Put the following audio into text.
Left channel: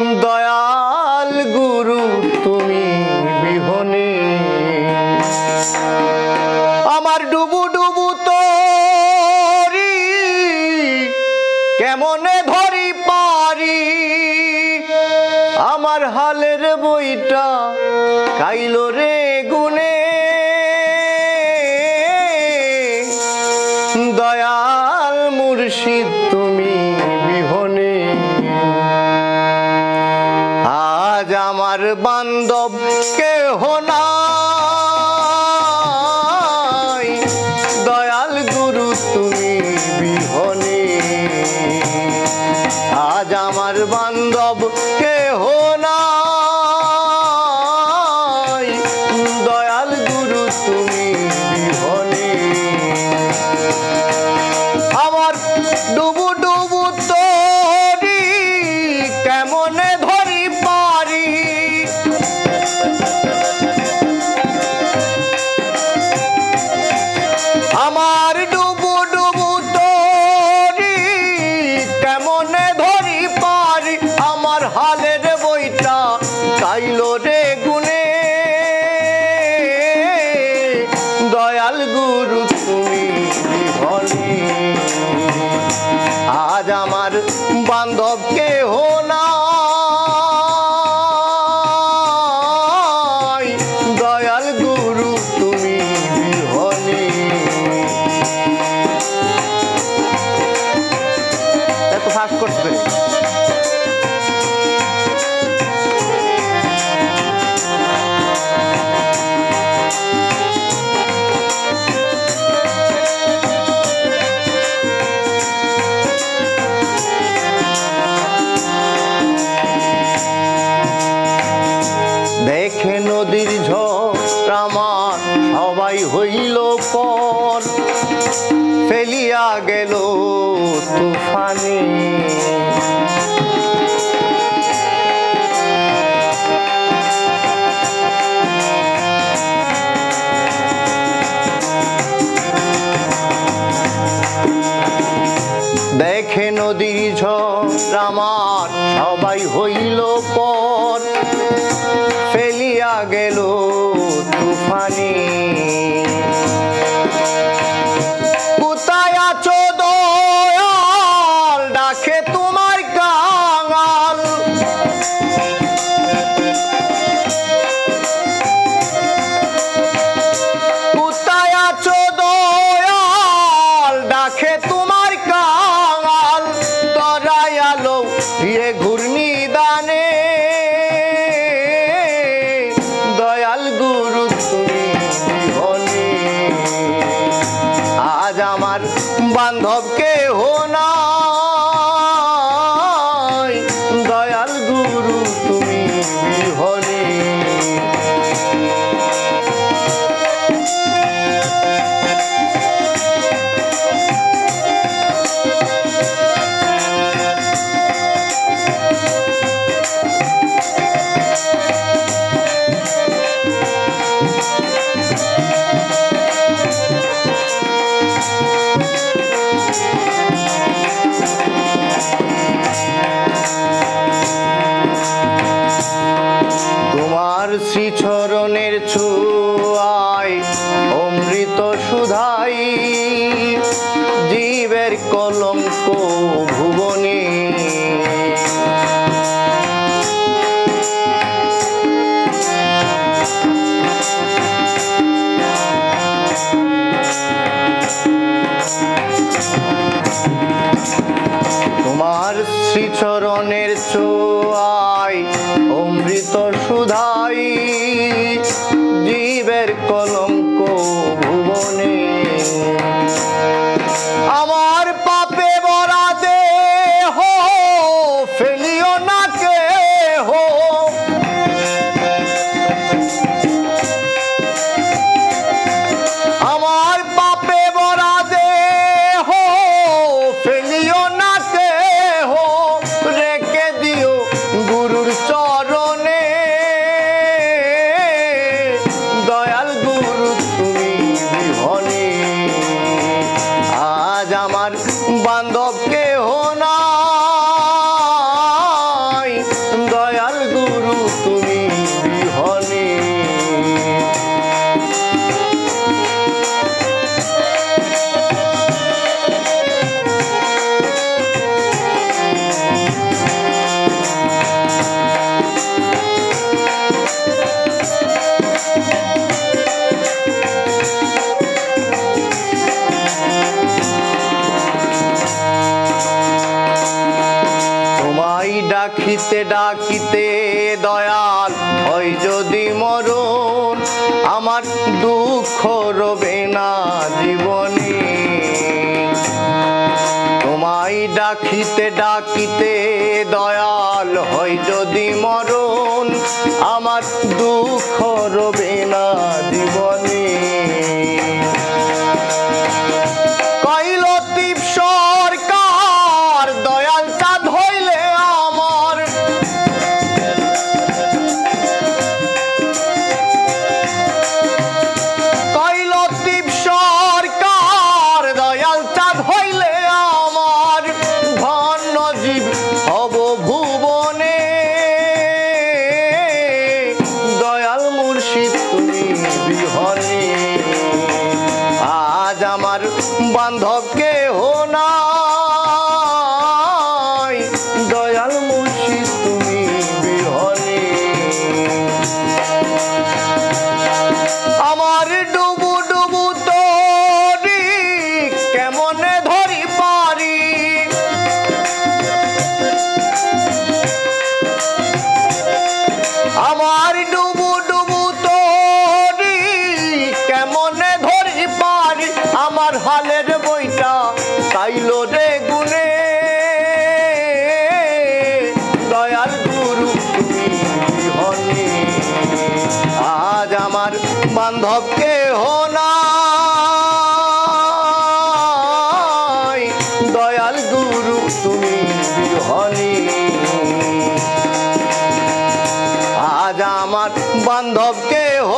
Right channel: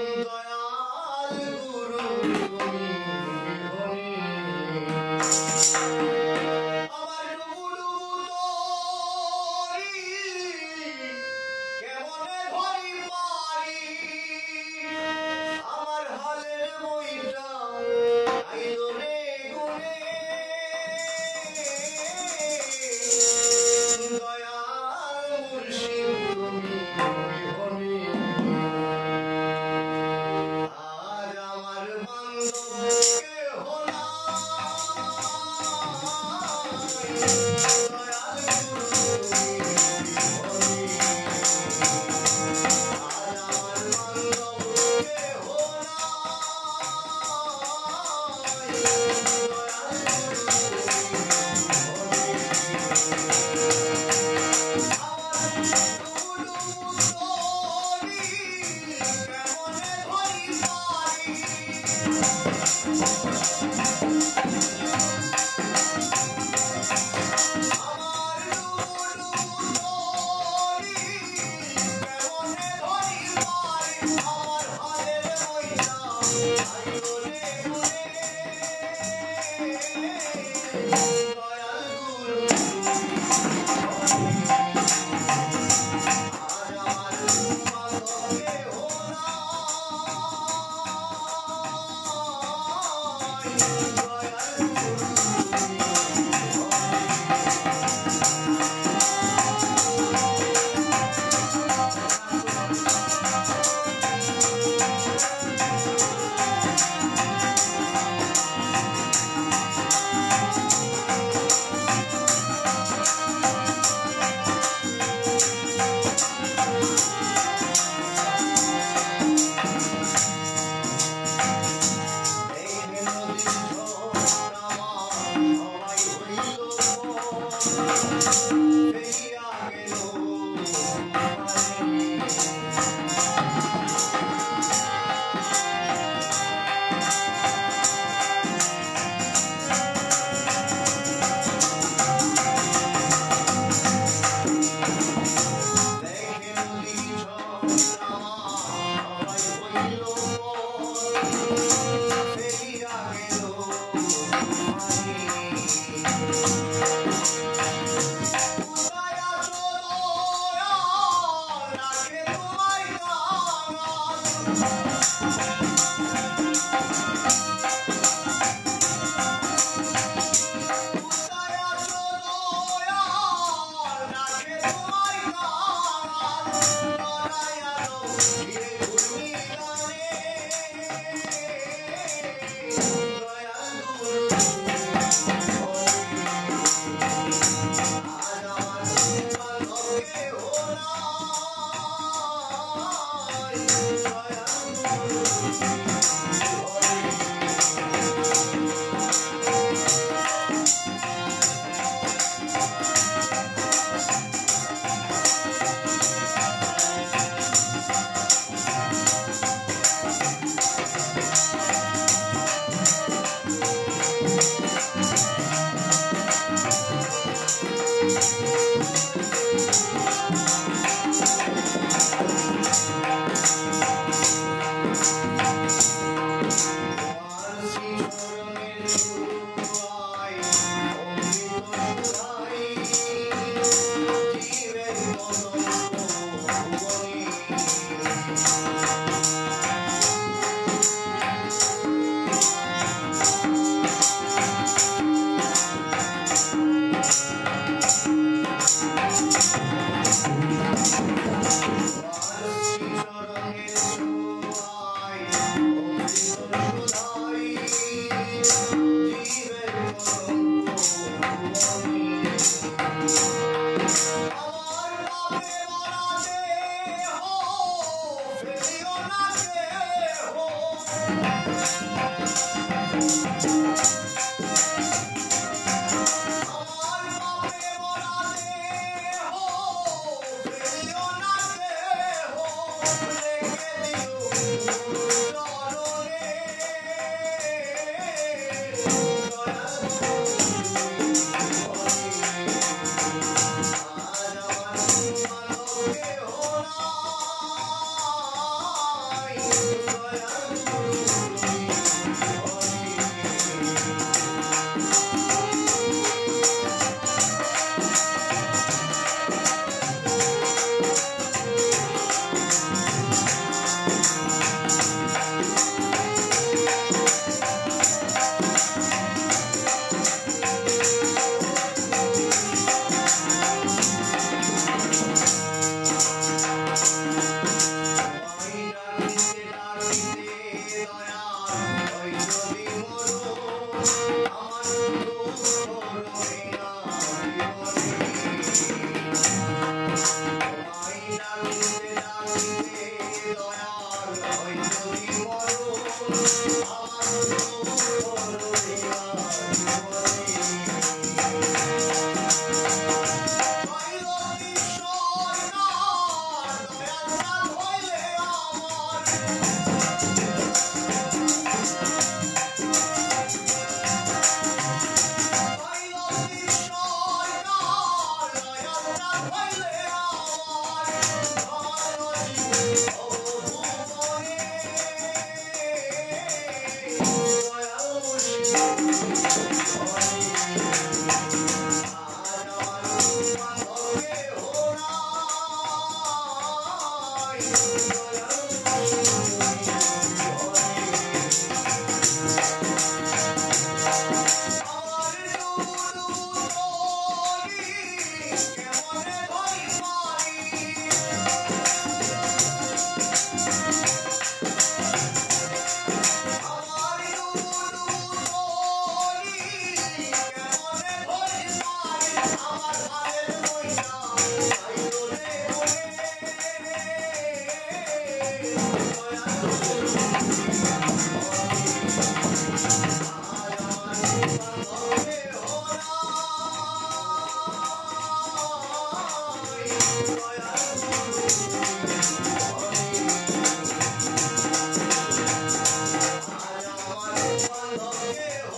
দয়াল গুরু তুমি বিহনে আমার ডুবু ডুবু তরি কেমনে ধরি পারি আমার হালের বইটা কাইলো রে গুনে দয়াল মুর্শিদ তুমি বিহনে আজ আমার বান্ধব কেহ নাই দয়াল গুরু তুমি বিহনে আজ আমার বান্ধব কেহ নাই দয়াল গুরু তুমি বিহনে আমার ডুবু ডুবু তরি কেমনে ধরি পারি আমার ডুবু ডুবু তরি কেমনে ধরি পারি আমার হালের বইটা কাইলো রে গুনে দয়াল গুরু তুমি বিহনে আজ আমার বান্ধব কেহ নাই দয়াল গুরু তুমি বিহনে এত ফাঁস করতে দেখে নদীর ঝড় আমার সবাই হইল পর ফেলিয়া গেল তুফানে দেখে নদীর ঝড় আমার সবাই হইল পর ফেলিয়া গেল তুফানে কোথায় আছো দয়াল ডাকে তোমার কাঙাল কোথায় আছো দয়াল ডাকে তোমার কাঙাল তরাই আলো এ ঘূর্ণি দানে দয়াল গুরু তুমি বিহনে আজ আমার বান্ধব কেহ নাই দয়াল গুরু তুমি বিহনে তোমার শ্রীচরণের ছোঁয়ায় অমৃত সুধাই জীবের কলঙ্ক ভুবনে তোমার শ্রীচরণের ছোঁয়ায় অমৃত সুধাই জীবের কলঙ্ক ভুবনে আমার পাপে ভরা দেহ ফেলিও না কেহ আমার পাপে ভরা দেহ ফেলিও না কেহ রেখে দিও গুরুর চরণে দয়াল গুরু তুমি বিহনে আজ আমার বান্ধব কেহ নাই ডাকিতে ডাকিতে দয়াল হয় যদি মরণ আমার দুঃখ রবে না জীবনে তোমায় ডাকিতে ডাকিতে দয়াল হয় যদি মরণ আমার দুঃখ রবে না জীবনে কৈলতিপ সরকার দয়াল চাঁদ হইলে আমার কৈলতিপ সরকার দয়াল চাঁদ হইলে আমার ধন্য জীব হব ভুবনে দয়াল মুর্শিদ তুমি বিহনে আজ আমার বান্ধব কেহ নাই দয়াল মুর্শিদ তুমি বিহনে আমার ডুবু ডুবু তরি কেমনে ধরি পারি আমার ডুবু ডুবু তরি কেমনে ধরি পারি আমার হালের বইটা তাইলো রে গুনে দয়াল গুরু তুমি বিহনে আজ আমার বান্ধব কেহ নাই দয়াল গুরু তুমি বিহনে আজ আমার বান্ধব কেহ